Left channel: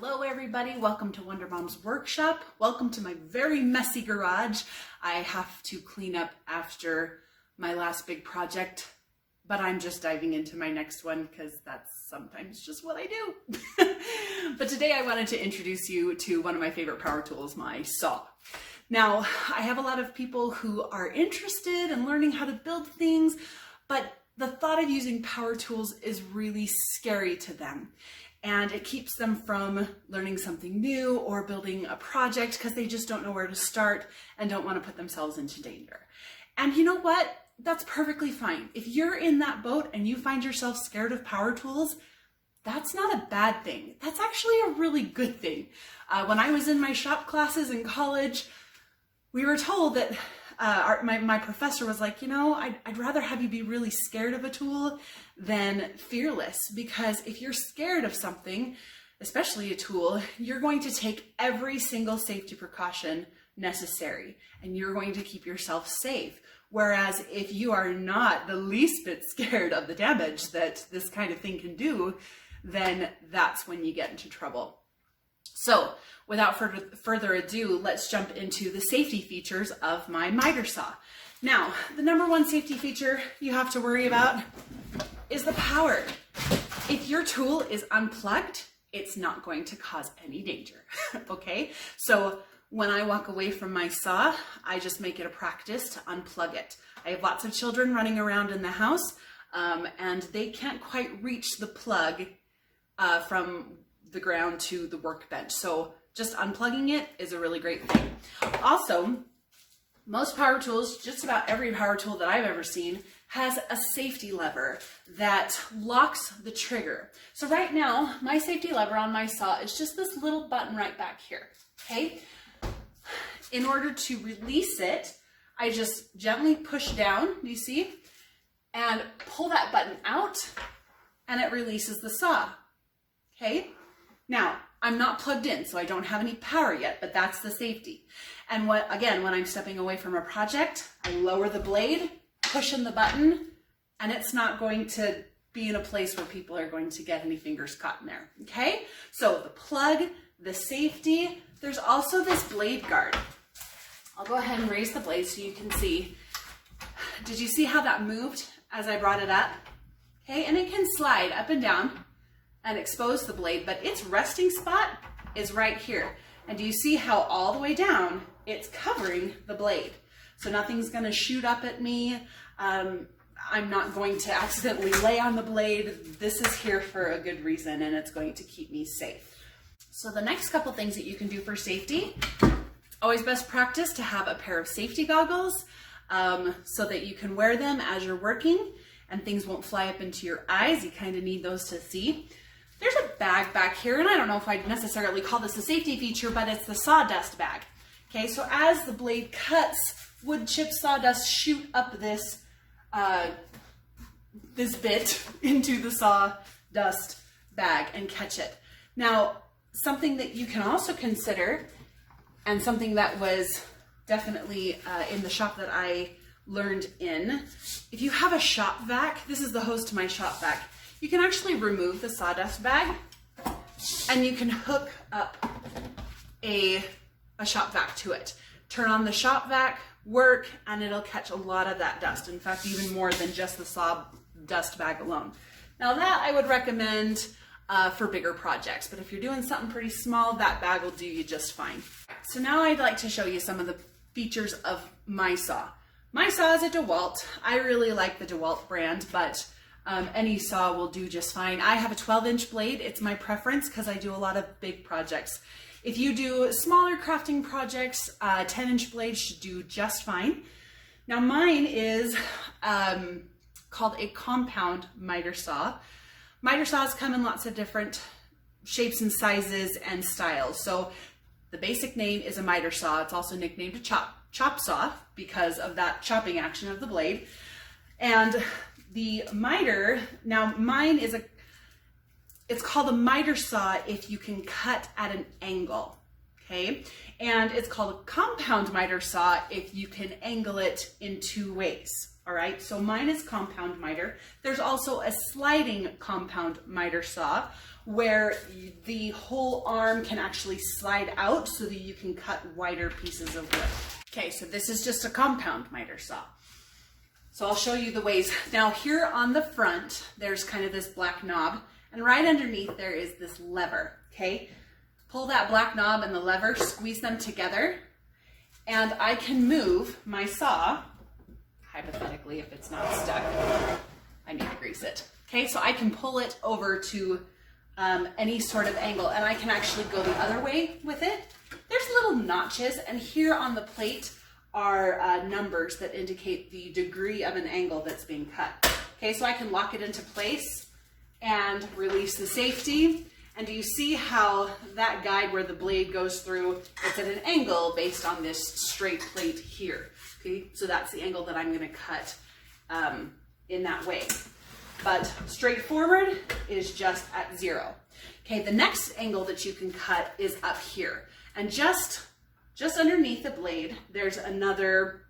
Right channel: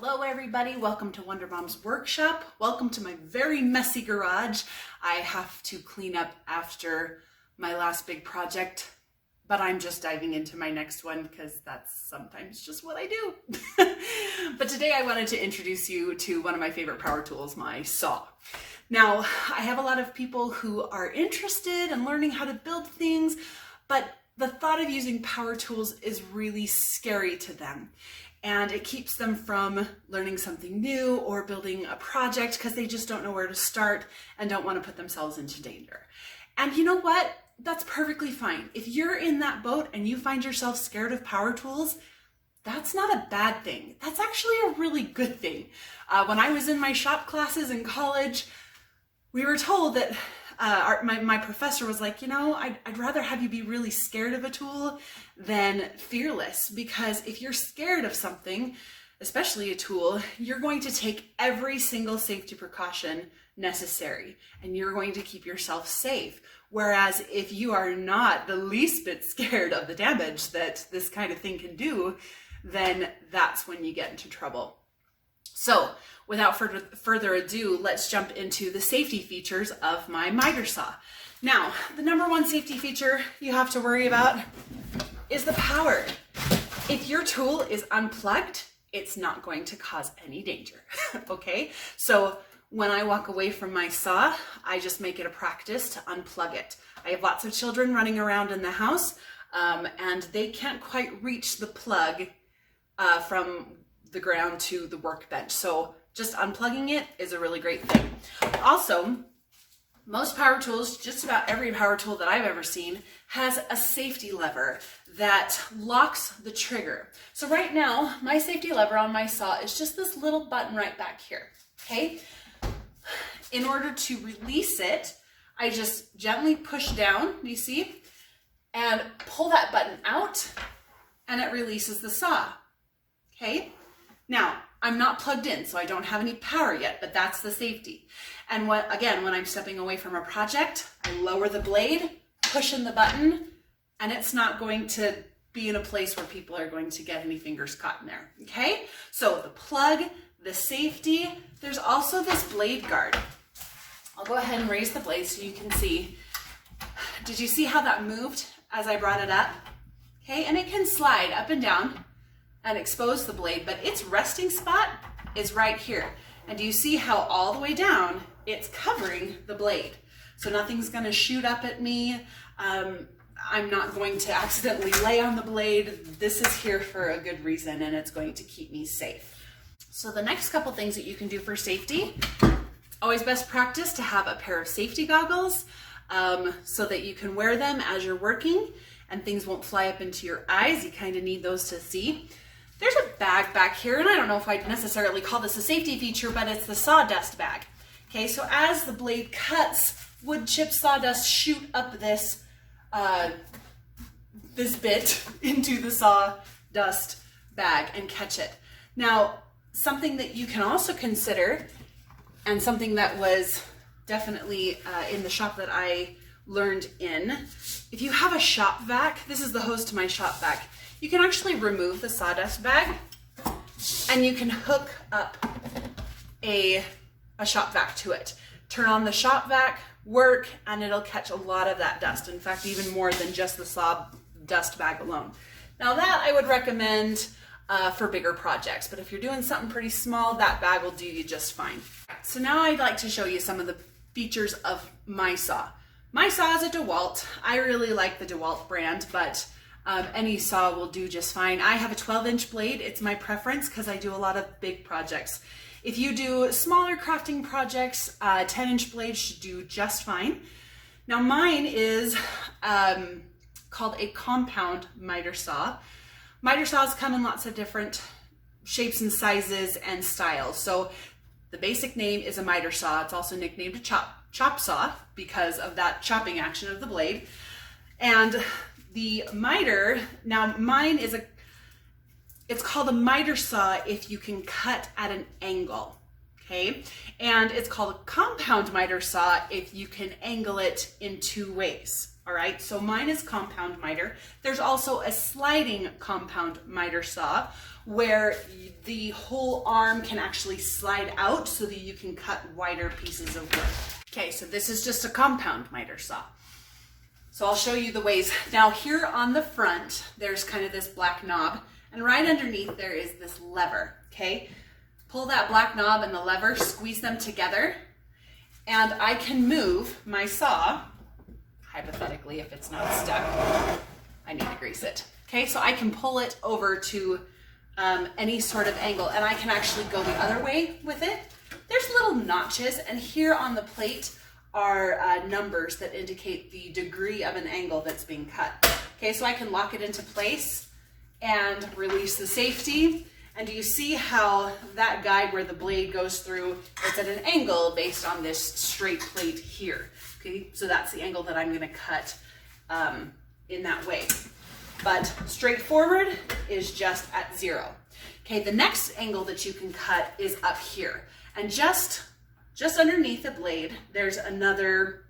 Hello everybody, welcome to Wonder Mom's workshop. Welcome to my very messy garage. I have to clean up after my last big project, but I'm just diving into my next one because that's sometimes just what I do. But today I wanted to introduce you to one of my favorite power tools, my saw. Now, I have a lot of people who are interested in learning how to build things, but the thought of using power tools is really scary to them. And it keeps them from learning something new or building a project because they just don't know where to start and don't want to put themselves into danger. And you know what? That's perfectly fine. If you're in that boat and you find yourself scared of power tools, that's not a bad thing. That's actually a really good thing. When I was in my shop classes in college, we were told that my professor was like, you know, I'd rather have you be really scared of a tool than fearless, because if you're scared of something, especially a tool, you're going to take every single safety precaution necessary and you're going to keep yourself safe. Whereas if you are not the least bit scared of the damage that this kind of thing can do, then that's when you get into trouble. So without further ado, let's jump into the safety features of my miter saw. Now, the number one safety feature you have to worry about is the power. If your tool is unplugged, it's not going to cause any danger, okay? So when I walk away from my saw, I just make it a practice to unplug it. I have lots of children running around in the house, and they can't quite reach the plug from the ground to the workbench. So just unplugging it is a really great thing. Also, most power tools, just about every power tool that I've ever seen, has a safety lever that locks the trigger. So right now, my safety lever on my saw is just this little button right back here, okay? In order to release it, I just gently push down, you see, and pull that button out, and it releases the saw, okay? Now, I'm not plugged in, so I don't have any power yet, but that's the safety. And again, when I'm stepping away from a project, I lower the blade, push in the button, and it's not going to be in a place where people are going to get any fingers caught in there, okay? So the plug, the safety, there's also this blade guard. I'll go ahead and raise the blade so you can see. Did you see how that moved as I brought it up? Okay, and it can slide up and down and expose the blade, but its resting spot is right here. And do you see how all the way down, it's covering the blade? So nothing's gonna shoot up at me. I'm not going to accidentally lay on the blade. This is here for a good reason, and it's going to keep me safe. So the next couple things that you can do for safety, it's always best practice to have a pair of safety goggles so that you can wear them as you're working and things won't fly up into your eyes. You kind of need those to see. There's a bag back here, and I don't know if I'd necessarily call this a safety feature, but it's the sawdust bag. Okay, so as the blade cuts, wood chip sawdust shoot up this bit into the sawdust bag and catch it. Now, something that you can also consider, and something that was definitely in the shop that I learned in, if you have a shop vac, this is the hose to my shop vac, you can actually remove the sawdust bag and you can hook up a shop vac to it. Turn on the shop vac, work, and it'll catch a lot of that dust. In fact, even more than just the sawdust bag alone. Now that I would recommend for bigger projects, but if you're doing something pretty small, that bag will do you just fine. So now I'd like to show you some of the features of my saw. My saw is a DeWalt. I really like the DeWalt brand, but any saw will do just fine. I have a 12-inch blade. It's my preference because I do a lot of big projects. If you do smaller crafting projects, 10-inch blade should do just fine. Now mine is called a compound miter saw. Miter saws come in lots of different shapes and sizes and styles. So the basic name is a miter saw. It's also nicknamed a chop saw because of that chopping action of the blade. And the miter, now mine is it's called a miter saw if you can cut at an angle, okay? And it's called a compound miter saw if you can angle it in two ways, all right? So mine is compound miter. There's also a sliding compound miter saw, where the whole arm can actually slide out so that you can cut wider pieces of wood. Okay, so this is just a compound miter saw. So I'll show you the ways. Now here on the front, there's kind of this black knob, and right underneath there is this lever, okay? Pull that black knob and the lever, squeeze them together, and I can move my saw, hypothetically if it's not stuck, I need to grease it. Okay, so I can pull it over to any sort of angle, and I can actually go the other way with it. There's little notches, and here on the plate are numbers that indicate the degree of an angle that's being cut. Okay, so I can lock it into place and release the safety. And do you see how that guide where the blade goes through, it's at an angle based on this straight plate here. Okay, so that's the angle that I'm gonna cut in that way. But straightforward is just at 0. Okay, the next angle that you can cut is up here. And just underneath the blade, there's another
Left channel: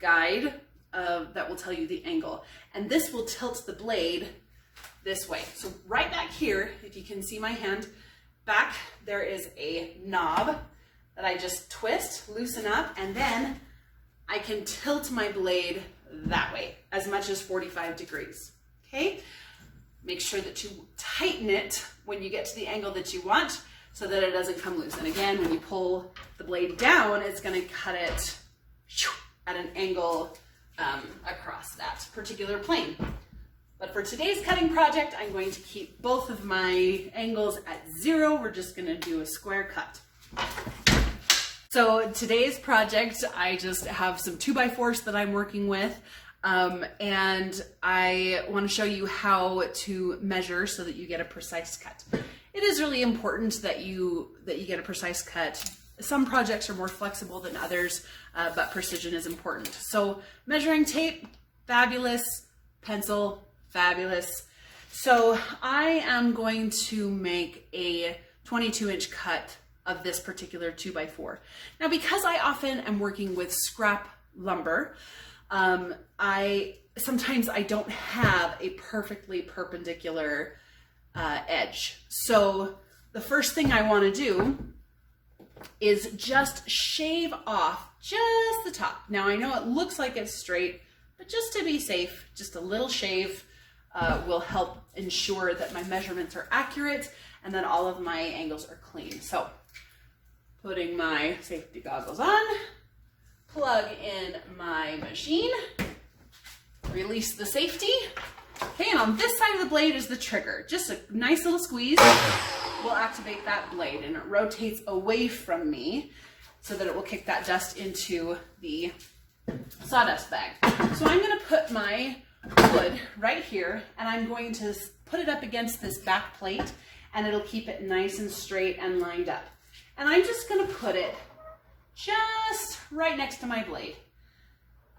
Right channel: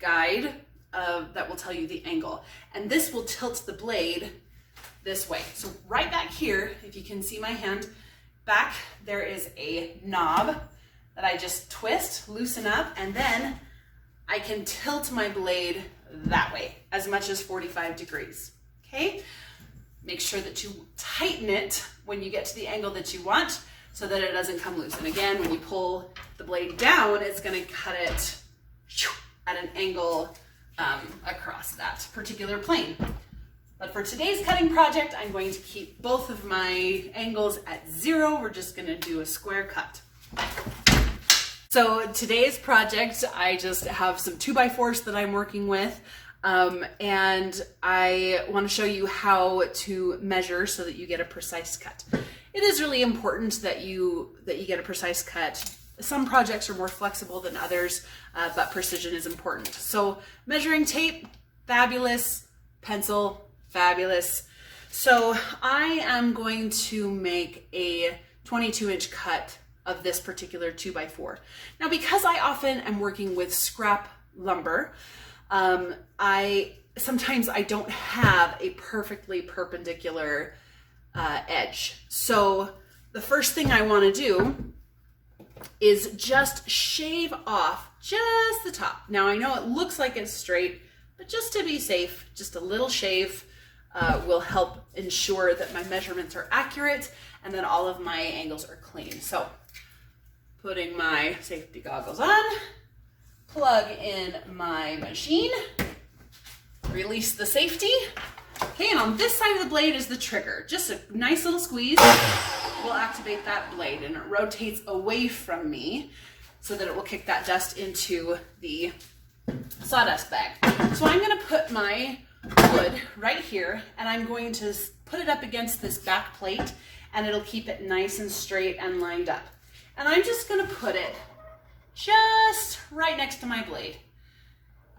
guide that will tell you the angle. And this will tilt the blade this way. So right back here, if you can see my hand, back there is a knob that I just twist, loosen up, and then I can tilt my blade that way, as much as 45 degrees, okay? Make sure that you tighten it when you get to the angle that you want so that it doesn't come loose. And again, when you pull the blade down, it's gonna cut it at an angle across that particular plane. But for today's cutting project, I'm going to keep both of my angles at 0. We're just gonna do a square cut. So today's project, I just have some 2x4s that I'm working with, and I want to show you how to measure so that you get a precise cut. It is really important that you get a precise cut. Some projects are more flexible than others, but precision is important. So measuring tape, fabulous. Pencil, fabulous. So I am going to make a 22-inch cut of this particular 2x4. Now, because I often am working with scrap lumber, sometimes I don't have a perfectly perpendicular edge. So the first thing I want to do is just shave off just the top. Now I know it looks like it's straight, but just to be safe, just a little shave will help ensure that my measurements are accurate and that all of my angles are clean. So putting my safety goggles on, plug in my machine, release the safety. Okay, and on this side of the blade is the trigger. Just a nice little squeeze will activate that blade, and it rotates away from me so that it will kick that dust into the sawdust bag. So I'm gonna put my wood right here, and I'm going to put it up against this back plate, and it'll keep it nice and straight and lined up. And I'm just gonna put it just right next to my blade.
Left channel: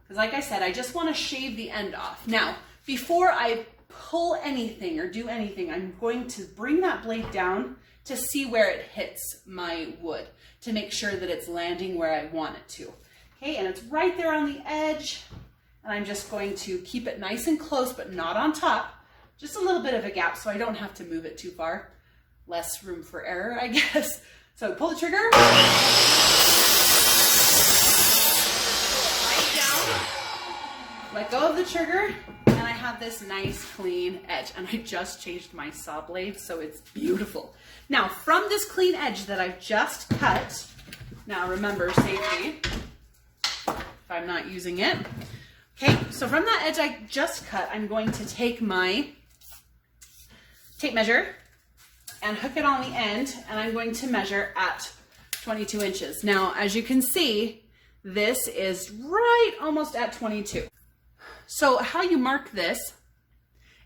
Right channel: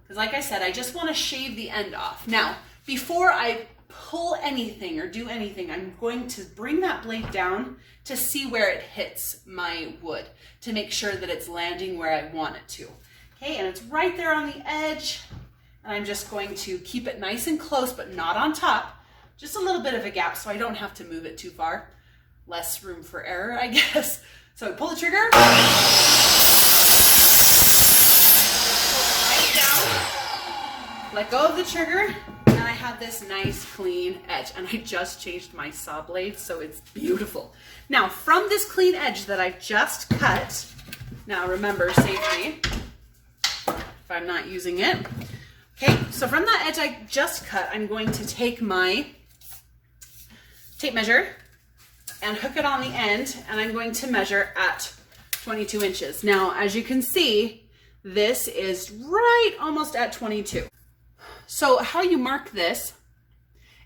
Because like I said, I just wanna shave the end off. Now, before I pull anything or do anything, I'm going to bring that blade down to see where it hits my wood, to make sure that it's landing where I want it to. Okay, and it's right there on the edge, and I'm just going to keep it nice and close, but not on top, just a little bit of a gap so I don't have to move it too far. Less room for error, I guess. So pull the trigger. Pull it right down. Let go of the trigger, and I have this nice clean edge. And I just changed my saw blade, so it's beautiful. Now, from this clean edge that I've just cut, now remember safety, if I'm not using it. Okay, so from that edge I just cut, I'm going to take my tape measure and hook it on the end, and I'm going to measure at 22 inches. Now, as you can see, this is right almost at 22. So how you mark this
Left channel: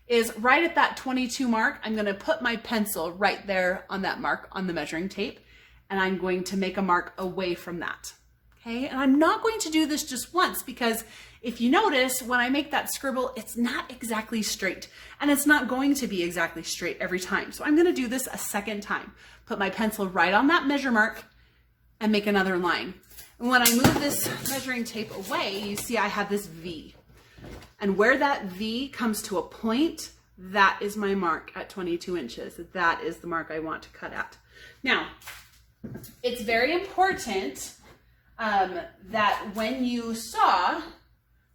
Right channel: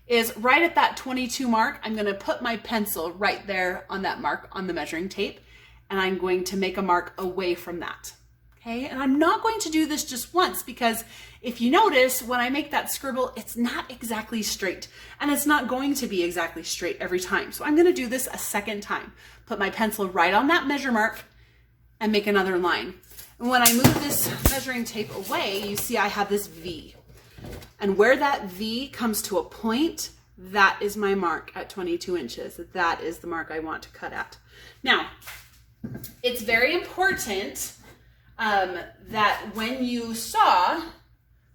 is right at that 22 mark, I'm gonna put my pencil right there on that mark on the measuring tape, and I'm going to make a mark away from that. Okay, and I'm not going to do this just once, because if you notice, when I make that scribble, it's not exactly straight, and it's not going to be exactly straight every time. So I'm gonna do this a second time. Put my pencil right on that measure mark and make another line. And when I move this measuring tape away, you see I have this V. And where that V comes to a point, that is my mark at 22 inches. That is the mark I want to cut at. Now, it's very important that when you saw,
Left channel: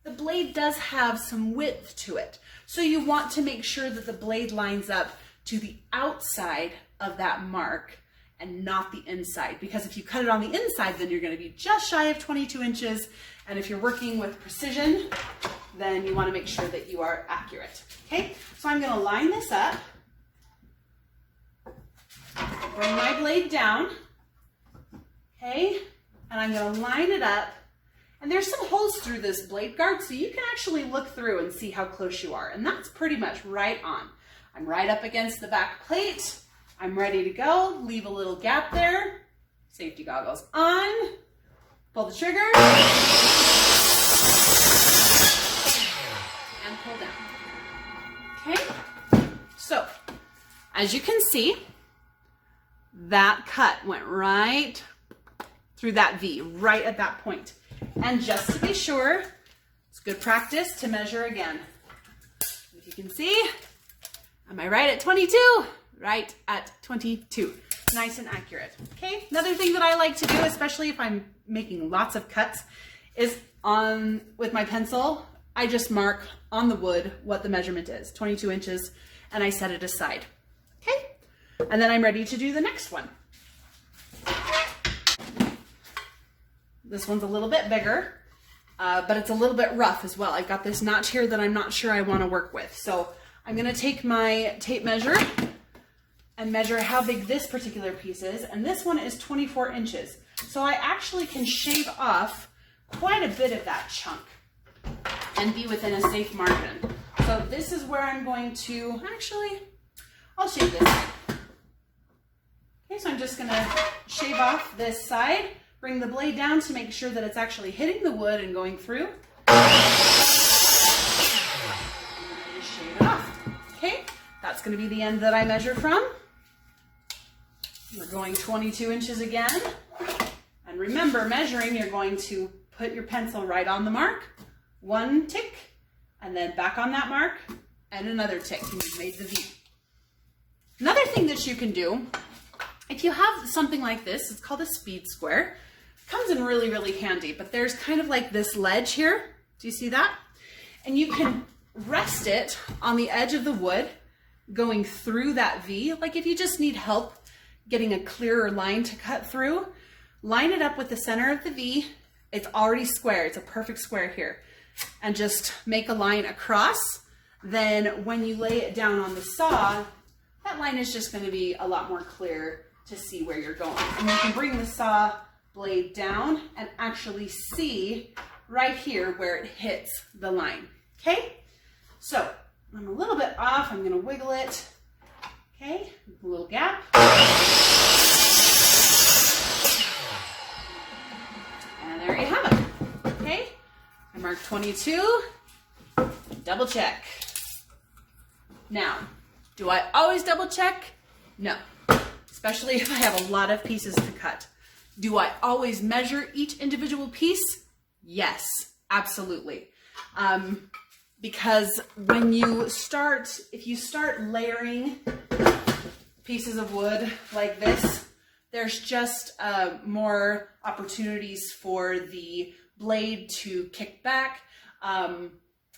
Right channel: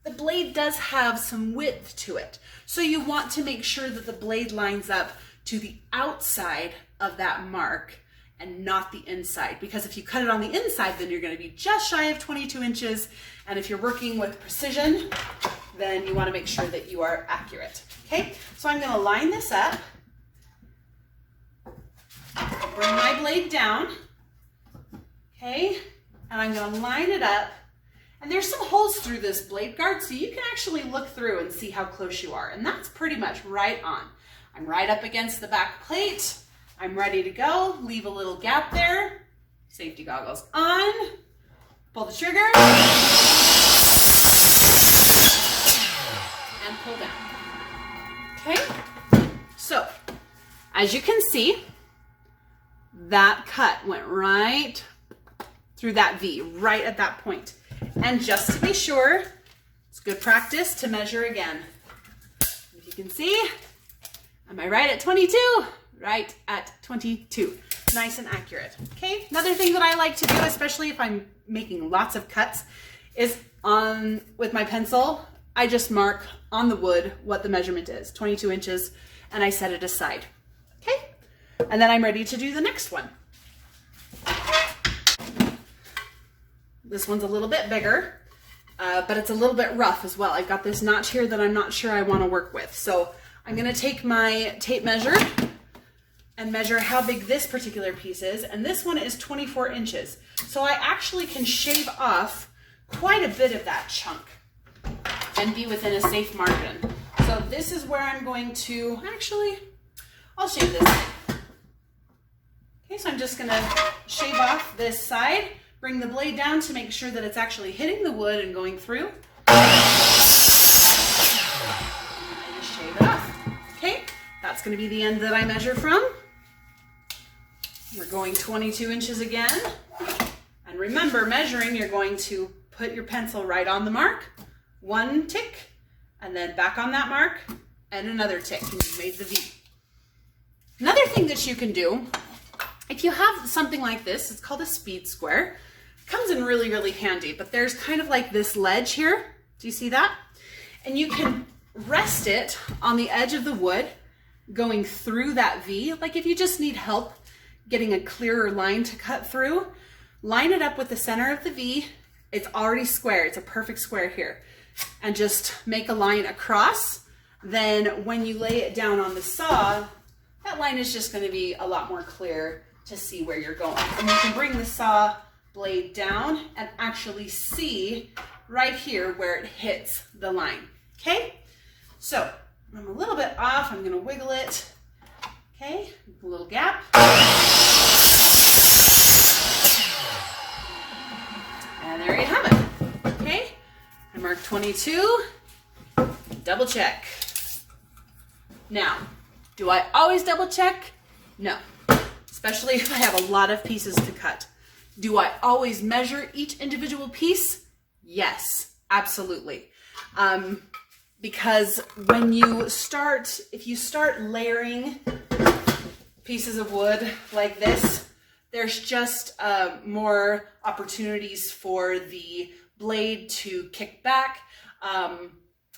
the blade does have some width to it. So you want to make sure that the blade lines up to the outside of that mark and not the inside. Because if you cut it on the inside, then you're going to be just shy of 22 inches. And if you're working with precision, then you want to make sure that you are accurate. Okay, so I'm going to line this up. Bring my blade down. Okay, and I'm going to line it up. And there's some holes through this blade guard, so you can actually look through and see how close you are. And that's pretty much right on. I'm right up against the back plate. I'm ready to go. Leave a little gap there. Safety goggles on. Pull the trigger. And pull down. Okay? So, as you can see, that cut went right through that V, right at that point. And just to be sure, it's good practice to measure again. If you can see, am I right at 22? Right at 22. Nice and accurate. Okay, another thing that I like to do, especially if I'm making lots of cuts, is with my pencil, I just mark on the wood what the measurement is, 22 inches, and I set it aside. Okay, and then I'm ready to do the next one. This one's a little bit bigger, but it's a little bit rough as well. I've got this notch here that I'm not sure I want to work with. So I'm going to take my tape measure and measure how big this particular piece is. And this one is 24 inches. So I actually can shave off quite a bit of that chunk and be within a safe margin. So this is where I'm going to, actually, I'll shave this side. Okay, so I'm just going to shave off this side. Bring the blade down to make sure that it's actually hitting the wood and going through. And just shave it off. Okay, that's going to be the end that I measure from. We're going 22 inches again. And remember, measuring, you're going to put your pencil right on the mark, one tick, and then back on that mark, and another tick, and you've made the V. Another thing that you can do, if you have something like this, it's called a speed square. Comes in really, really handy, but there's kind of like this ledge here. Do you see that? And you can rest it on the edge of the wood going through that V. Like if you just need help getting a clearer line to cut through, line it up with the center of the V. It's already square. It's a perfect square here. And just make a line across. Then when you lay it down on the saw, that line is just going to be a lot more clear to see where you're going. And you can bring the saw blade down and actually see right here where it hits the line. Okay, so I'm a little bit off. I'm going to wiggle it. Okay, a little gap. And there you have it. Okay, I marked 22. Double check. Now, do I always double check? No, especially if I have a lot of pieces to cut. Do I always measure each individual piece? Yes, absolutely. Because when you start, if you start layering pieces of wood like this, there's just more opportunities for the blade to kick back,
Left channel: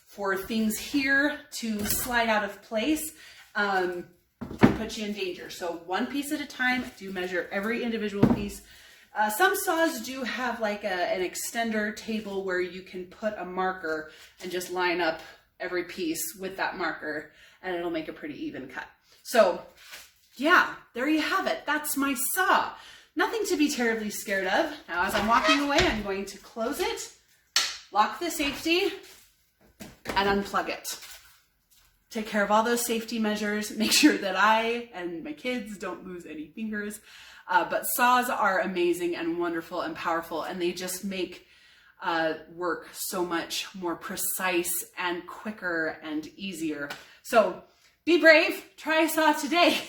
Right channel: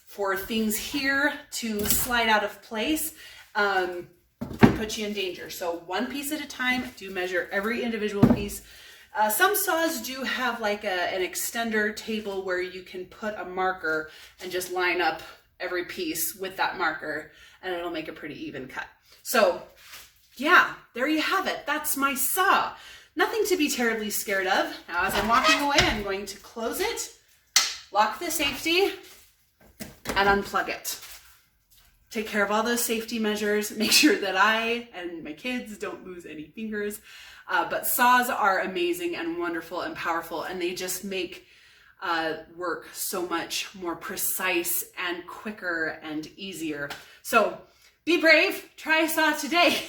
for things here to slide out of place, put you in danger. So one piece at a time, do measure every individual piece. Some saws do have like an extender table where you can put a marker and just line up every piece with that marker and it'll make a pretty even cut. So yeah, there you have it. That's my saw. Nothing to be terribly scared of. Now as I'm walking away, I'm going to close it, lock the safety, and unplug it. Take care of all those safety measures. Make sure that I and my kids don't lose any fingers. But saws are amazing and wonderful and powerful, and they just make work so much more precise and quicker and easier. So be brave, try a saw today.